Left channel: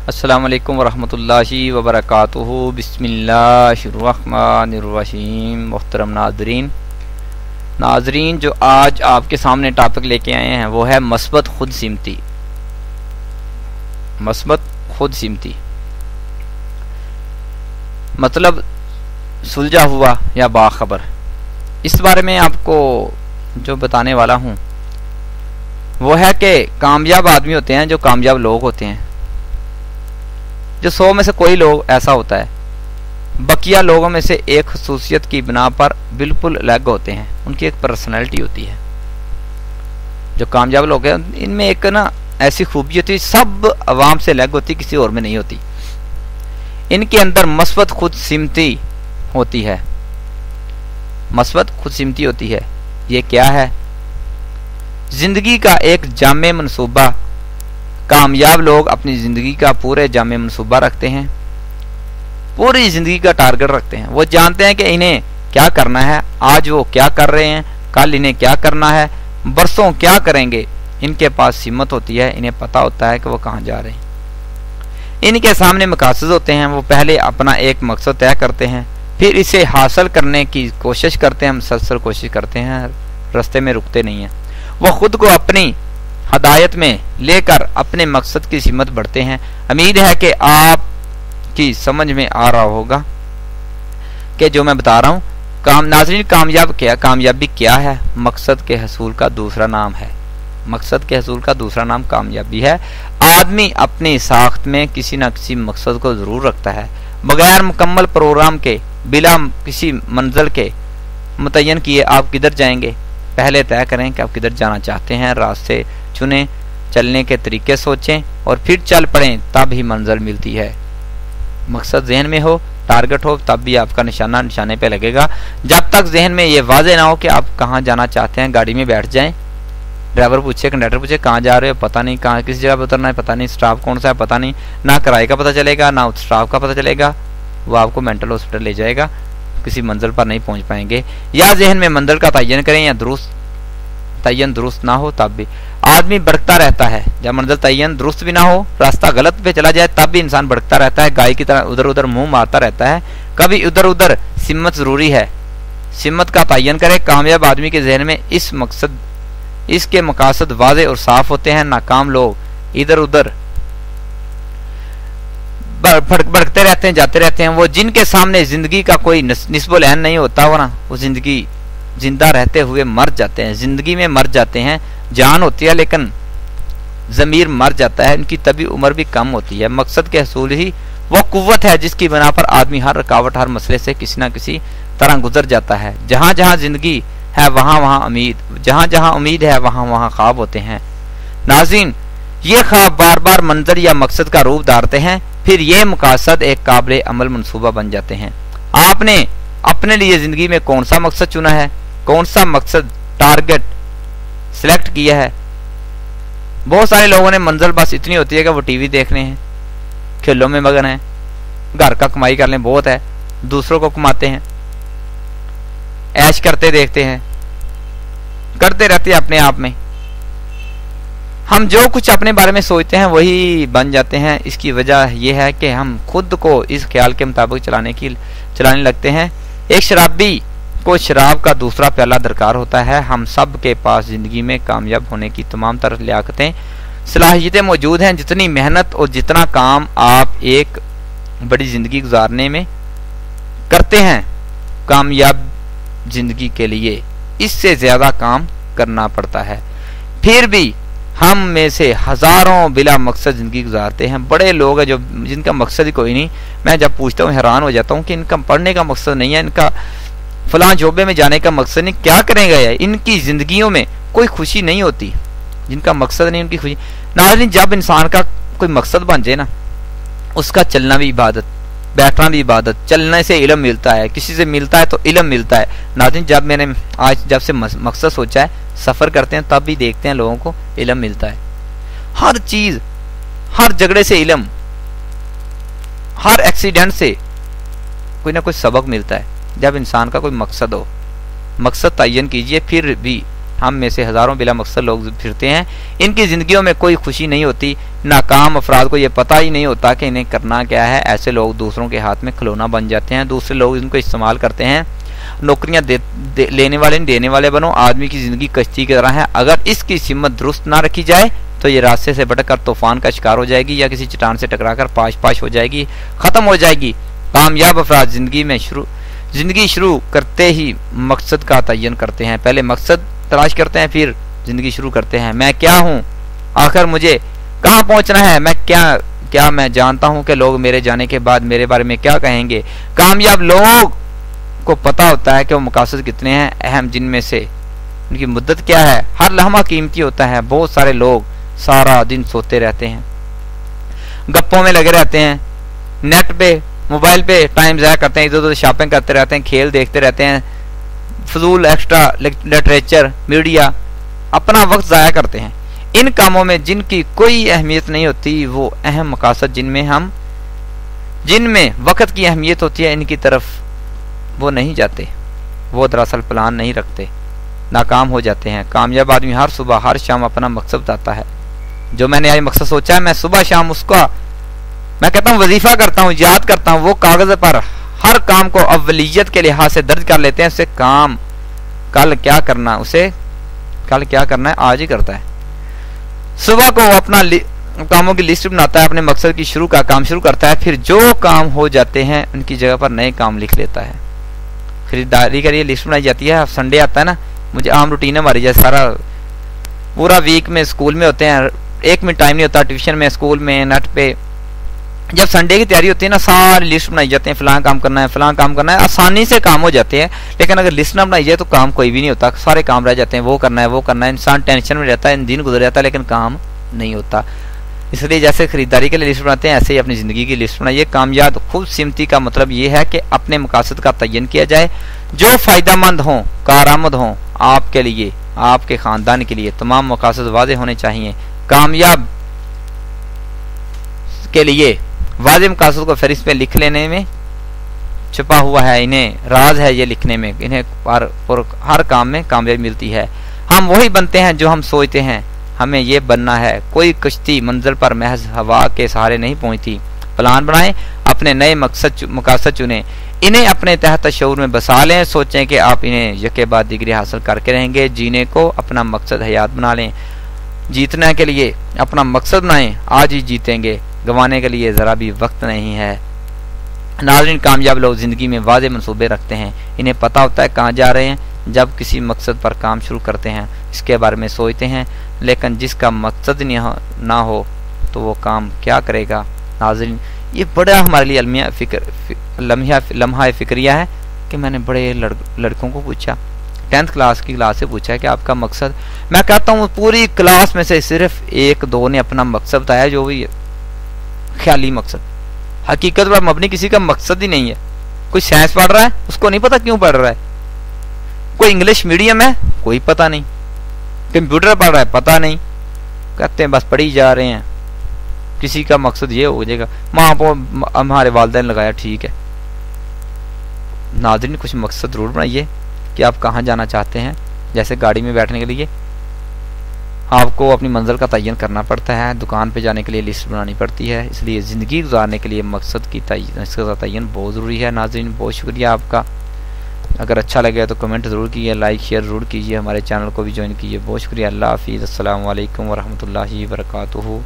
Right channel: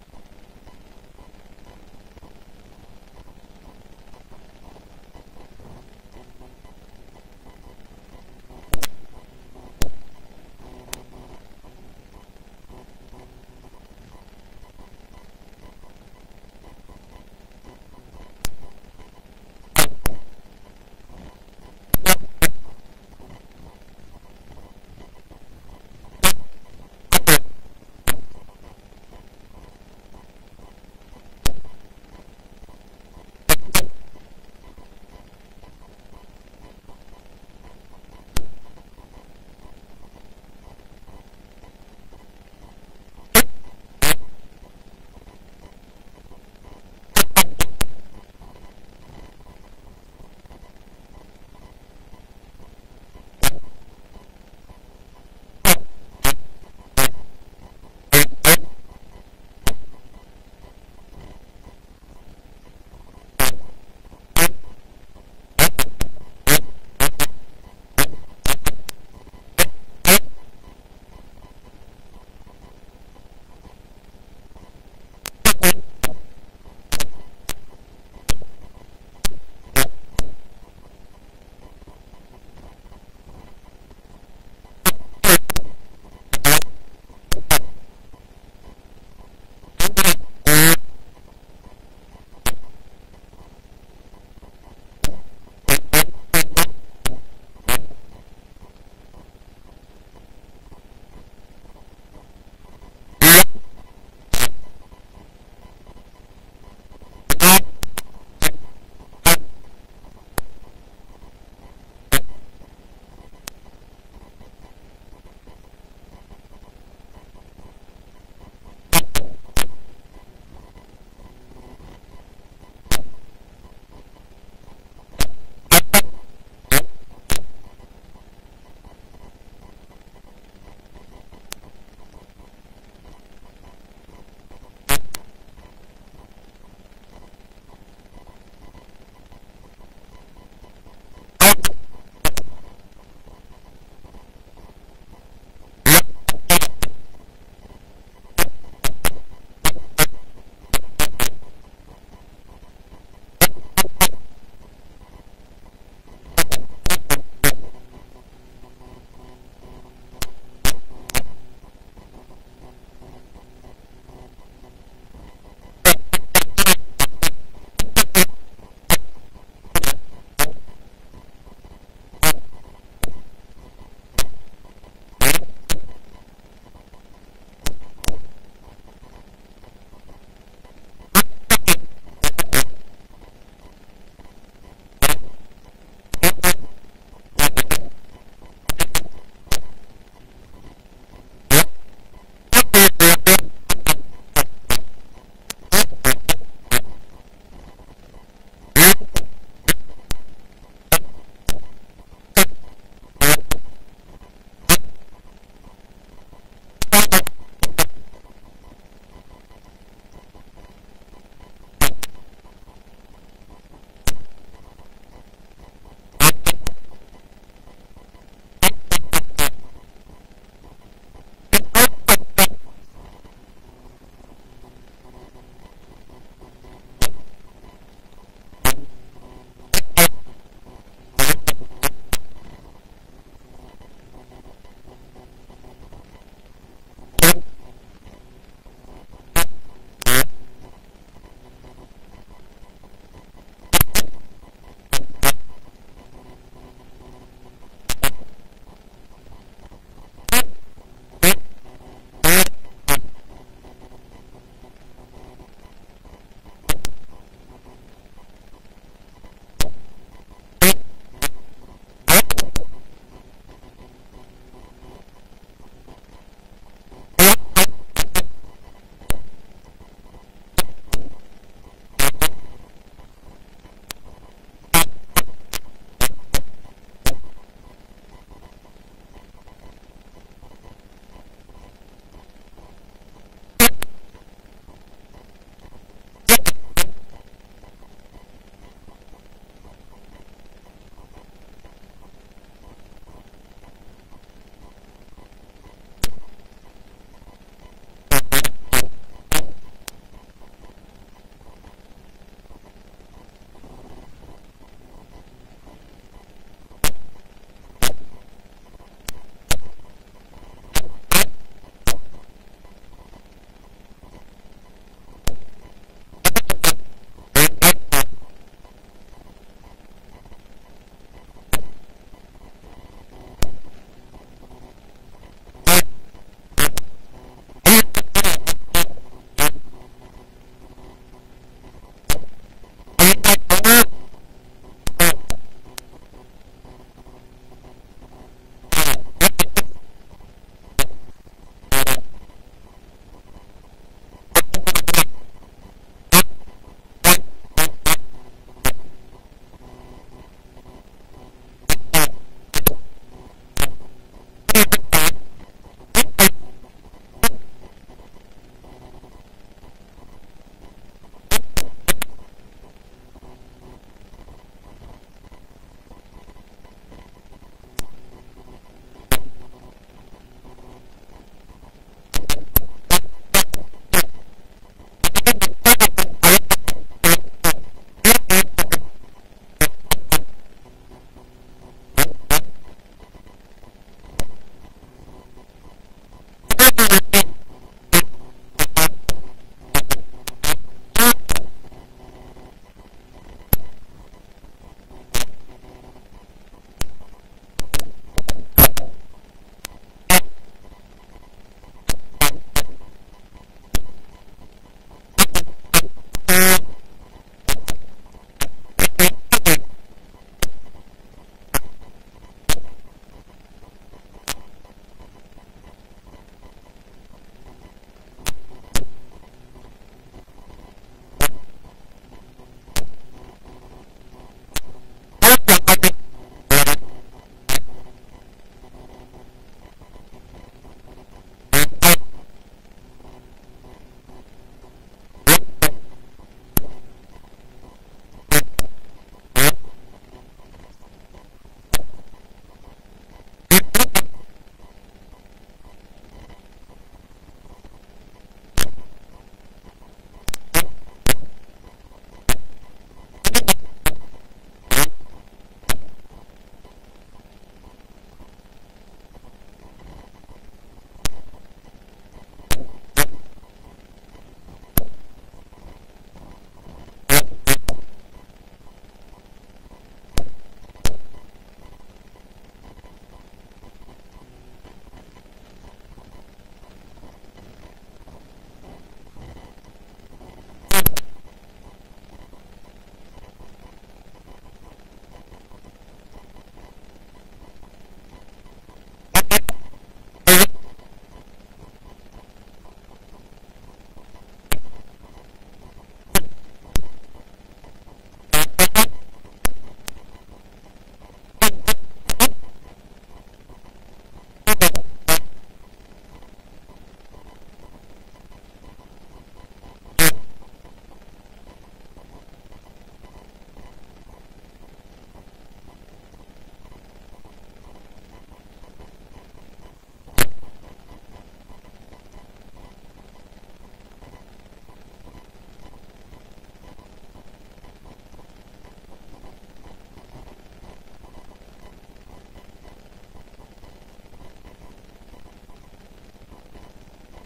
अस्सलामु अलैकुम वरहमतुल्लाहि वबरकातुहू। बिस्मिल्लाहिर्रहमानिर्रहीम। मुहतरम नाजरीन, जो आज आपके सामने टॉपिक लेके आए हैं वो है मस्बत खुद सिमती। मस्बत खुद सिमती मतलब सुलझा हुआ या बाखबर। इस बारे में आपको जो बताने वाला हूँ वो है कि कामयाब आदमी होते हैं, जो कामयाब लोग होते हैं, जो 100 में से कोई लोग ऐसा होता है, बकिया लोगों में से एक खसूसियत की बिना पर बिल्कुल अलग होते हैं। उनकी एक पर्सनैलिटी होती है। जो कामयाब लोग हैं इनमें एक ना ऐसी खूबी होती है, सब अवाम से अलग होती, किसी और में नहीं होती। इनके अंदर मस्बत खुद सिमती होती है। मस्बत खुद सिमती होती है। ये क्या है? जिंदगी का एक जामे मनसूबा। कामयाब लोग अपनी जिंदगी का पूरे जामे मनसूबा रखते हैं, पूरी जिंदगी का टारगेट रखते हैं। वो जानते हैं कि इन्हें क्या करना है, आज वो क्या कर रहे हैं, कल इन्हें क्या करना है, बरसों क्या करेंगे। इनके पास हिम्मत होती है, इन्हें पता होता है कि वो कहाँ जा रहे हैं। इनके सामने मकासद होते हैं। वो पहले अपना एक मकसद तय करते हैं, फिर इसे हासिल करने की कोशिश करते हैं, मुसलसल कोशिश करते हैं, रास्ते में रुकते नहीं हैं। वो खुद को अपनी हदायत में लेकर अपने मकसद की हिम्मत बढ़ते हैं। उम्मीद है कि आपकी समझ में आ रहा होगा कि जो मैं बता रहा हूँ। नाज़रीन, कामयाबी क्या है? मकसद के हसूल का दूसरा नाम है। मकसद के हसूल का दूसरा नाम कामयाबी है। आदमी अपनी साख्त में किसी न किसी मकसद को जरूर रखता है। बगैर मुकम्मल प्रोग्राम के, बिला किसी मंजिल के मुतय्यन किए आप किधर जाएंगे? पहले तय करें कि आप किधर जाना चाहते हैं, रास्ते चुनें, चलने के तरीके सोचें और फिर चल पड़ें, तब ही मंजिल मिलती है। मकसद जहन में हो, टारगेट हो, तब भी आपका निशाना निशाने पे लगेगा। जब तक जहन में ये वाज़ेह ना हो कि आप कहाँ जाना चाहते हैं, गाड़ी में बैठ जाएं, ड्राइवर पूछे, कंडक्टर पूछे कहाँ जा रहे हो, पता नहीं, कहाँ किस जगह पर उतरना है पता नहीं, स्टाफ कौन सा है पता नहीं, ना किराए का पता चलेगा ना स्टाफ का पता चलेगा। वो आपको मेंटल हॉस्पिटल ले जाएगा, किसी मंजिल पर नहीं पहुंच पाएंगे। या जहन में मंजिल का तयन करें, या तयन दुरुस्त ना हो तब भी आदमी भटकता रहता है। जब मंजिल तयन दुरुस्त भी ना हो, रास्ता गलत पे चला जाए, तब भी इंसान भटकता रहता है, गाय की तरह उधर उधर मुंह मारता रहता है। कभी इधर उधर सिम्मत जरूरी है। सिम्मत का तयन करें। कामयाब आदमी के जहन में इसके मकासद वाज़ेह और साफ होते हैं। नाकाम लोग इधर उधर भटकते रहते हैं, जाते रहते हैं। वो जिनके सामने जिंदगी का कोई निस्बुल ऐन नहीं होता, वो ना वो जिंदगी जिंदा रहते हुए मर जाते हैं, जिंदगी में मर जाते हैं। जान होती है लेकिन जमीर मर जाता है, उनकी तभी उम्र भी कम होती है। मकसद के हसूल ही वो कुव्वत है जिसकी बना पर आदमी हर रुकावट, हर मसले से किसी न किसी तरह गुजर जाता है। जहां जहां जिंदगी है वहां वहां उम्मीद, जहां जहां उम्मीद है वहां वहां ख्वाब होते हैं। नाज़रीन, ये ख्वाब बार बार मंजर या मकसद का रूप धारते हैं, फिर ये मकासद एक काबिल अमल मनसूबा बन जाते हैं। आपने अपने लिए जिंदगी में कौन सा मकसद चुना है, कौन सा मकसद टारगेट सिलेक्ट किया है? बहुत सारे लोगों ने मंजिल बस इतनी होती है कि वो टीवी देख रहे हैं, खेलों में मगन है, घर का कमाई कर लें बहुत है, दूसरों को कमाते हैं, ऐश करते देखते हैं, करते रहते हैं अपने आप में। हम जो कुछ अपने बारे में सोचते हैं वही बन जाते हैं। इसकी वजह यह है कि हम खुद को इस ख्याल के मुताबिक चलाने लगते हैं। एक शराबी को शराब का दूसरा प्याला दरकार होता है। हम सब के पास जिंदगी में कामयाब होने की तमाम तरह लियाकतें, सलाहियतें मौजूद हैं। जितनी मेहनत और जितना काम आप एक बड़ी जिंदगी गुजारने में करते हैं कामयाब जिंदगी के लिए, इससे ज्यादा काम करना पड़ता है। फिर भी हम में से हजारों बिला मकसद जिंदगी गुजारते हैं। बड़े लोग हैं जो जिनका मकसद ही कोई नहीं। मैं जब पूछता हूँ हैरान हो जाता हूँ कि इनका पढ़ने का मकसद नहीं है, इनका फलां जोबे में जाने का मकसद नहीं, क्या करेंगे यार? इनकी जिंदगियों में कोई खुशी नहीं होती। जिनका मकसद नहीं उनकी खुशी। नाज़रीन, जब इंसान का कोई मकसद बन जाए ना, उसका चलना भी इबादत, बैठना भी इबादत। चलने से इल्म मिलता है, किसी से मिलता है तो इल्म मिलता है। नाज़रीन, जब मैंने आज जब से मकसद सोचा है, सफर करते हैं तब भी देखते हैं लोगों को इल्म मिलता है। हर चीज, हर झगड़े से इल्म, हर एक्सीडेंट से कोई ना कोई सबक मिलता है। जब इंसान का कोई मकसद हो, मकसद तयन कीजिए, फिर भी हम में से हज़ारों बिला मकसद लोग फिरते हैं, इनकी ज़िंदगियों में कोई खुशी नहीं होती। नाकाम अफराद को ये पता ही नहीं होता कि इन्हें करना क्या है। ऐसे लोग दूसरों के हाथ में खिलौना बन जाते हैं, दूसरे लोग इनको इस्तेमाल करते हैं। नौकरियां लेने वाले नहीं देने वाले बनो। आदमी की ज़िंदगी कश्ती की तरह है, अगर इसकी सिमत दुरुस्त ना रखी जाए तो ये रास्ते से भटक कर तूफान का शिकार हो जाएगी या किसी चट्टान से टकराकर पाश पाश हो जाएगी, ख़त्म हो जाएगी। कामयाब अफराद ज़िंदगी शुरू करते ही मकसद का तयन करते हैं। पहले मकसद तलाश करते हैं, फिर ज़िंदगी शुरू करते हैं। मैं क्या हूँ, आखिर मुझे कहाँ पहुँचना है, मैं क्या मैं जानता हूँ कि लोग मेरे जाने के बाद मेरे बारे में क्या कहेंगे। कामयाब लोग को पता होता है कि वो मकासद कितने हैं, अहम जिनमें से उनकी मुद्दत क्या है। हर लम्हा कीमती होता है। बहुत सारे लोग सारा दिन सोते रहते हैं, गप्पों में लगे रहते हैं, नेट पे मोबाइल पे टाइम ज़ाया करते हैं, इधर उधर शॉपिंग करते रहते हैं, खेल देखते रहते हैं, फजूल एक्स्ट्रा लिटरेचर मीडिया, अपना वक्त ज़ाया करते हैं इन कामों में जिनकी कोई अहमियत नहीं होती। वो अहम मकासद जिनमें वक्त की अहमियत होती है, इनकी तरफ वो नहीं जाते। वो दरअसल प्लान नहीं रखते, नाकाम हो जाते हैं। कामयाब आदमी हर सुबह हर शाम अपना मकसद बताता है। जो मैंने आज मकसद सोचा है, मैं सुबह शाम उसका मैं कहता हूँ वजीफा करता हूँ, याद करता हूँ। वो कागज पर हर काम को अव्वलियत के लिहाज से दर्ज कर लेते हैं। उसे काम कल क्या करना है आज ही करता है। सुबह को वो अपना कामों की लिस्ट बनाता है, अपने मकसद की काम शुरू करता है। फिर जो काम हो जाते हैं उनकी जगह पर नए काम लिख लेता है। खरीदारी के लिए लिस्ट बनाई जाती है। संडे आता है ना, मुझे आम रूटीन है हमारी, जैसे सारा पूरा वीक में स्कूल में होते हैं, एक मिनट टाइम नहीं होता, ट्यूशन में, स्कूल में, नेट पे। जब संडे की तैयारी होती है ना, सारी लिस्ट बनाई जाती है, फलां काम करना है, आसानी से काम हो जाते हैं। लेकिन अगर लिस्ट ना बनाई जाए तो काम कोई भी नहीं होता, सारे काम रह जाते हैं। वो करना है, इंसान टेंशन में रहता है, दिन गुजर जाता है, लेकिन काम नहीं होता। इसलिए जैसे खरीदारी के लिए लिस्ट बनाते हैं, ऐसे ही अपनी ज़िंदगी की लिस्ट बनाइए। कामयाब खुद सिमती का मतलब ये है कि अपने मकासद का तयन किया जाए जो फ़ायदेमंद हों, कारआमद हों आपके लिए, आपके ख़ानदान के लिए। तमाम मकासद वाज़ेह होने चाहिए। कामयाब के लिए वाज़ेह मकासद को फहरिस्त में लिख लेने में छुपा हुआ है, इन्हें राज है ये लिखने में, इन्हें हर काम में कामयाबी मिलती है। हम वही बनते हैं जो हम सोचते हैं हमें ये बनना है। कोई कश्ती मंजिल पर महज हवा के सहारे नहीं पहुंचती। प्लान बनाएं, अपने नए मकासद चुनें, इन्हें अपने तहत शऊर में बसा लें। सोचें कि आप इन्हें यके बाद डिग्री हासिल करके रहेंगे। जीने को अपना मकसद हयात बना लें। जीतने के लिए अपना मकसद बनाएं, आज ही जीतेंगे, गंवाने के लिए ज़रा भी वक्त नहीं है। नाज़रीन, कामयाब लोग ज़िंदगी में वाज़ेह मंसूबे रखते हैं। इन्हें पता होता है कहाँ जा रहे हैं। जब किसी मकसद पर काम शुरू करते हैं, इसके बारे में सोचते हैं, लेकिन जिसका मकसद ना हो तो वो काम क्या करेगा। नाज़रीन, ये बड़ा हमारे लिए लम्हा फ़िक्रिया है कि मैंने बड़े लड़कों को पूछा, 10th क्लास से पूछा है कि आपका मकसद। मैं कहता हूँ पूरी क्लास में से सिर्फ 1-2 ने अपना मकसद बताया, जो भी ख्याली मकसद, हकीकत पर मबनी किसी का मकसद ही नहीं है। कोई साइंस पढ़ रहा है, उसको नहीं पता क्यों पढ़ रहा है। कोई इंग्लिश मीडियम है, कोई पता नहीं। कंप्यूटर पढ़ रहा है, पता नहीं। कहते हैं बस पढ़ी जा रहे हैं, किसी का मकसद ये हो जाएगा, माँ को हमारे वालिदैन लगाया, ठीक है। नाज़रीन, कुछ मकसद जरूर बनाइए कि आप कहाँ जाना चाहते हैं। जैसे गाड़ी में बैठने के लिए आपको अपनी मंजिल का तयन करना पड़ता है, दुकान पे जाने के लिए लिस्ट बनानी पड़ती है, इसलिए ज़िंदगी गुजारने के लिए मकसद की तयन बहुत ज़रूरी है। नाज़रीन, बहुत शुक्रिया आपका। अगर अच्छा लगे तो कमेंट ज़रूर कीजिए, लाइक शेयर ज़रूर कीजिए, हमारे चैनल को भी ज्वाइन कीजिए। बहुत शुक्रिया। अल्लाह हाफ़िज़। अस्सलामु अलैकुम वरहमतुल्लाहि वबरकातुहू।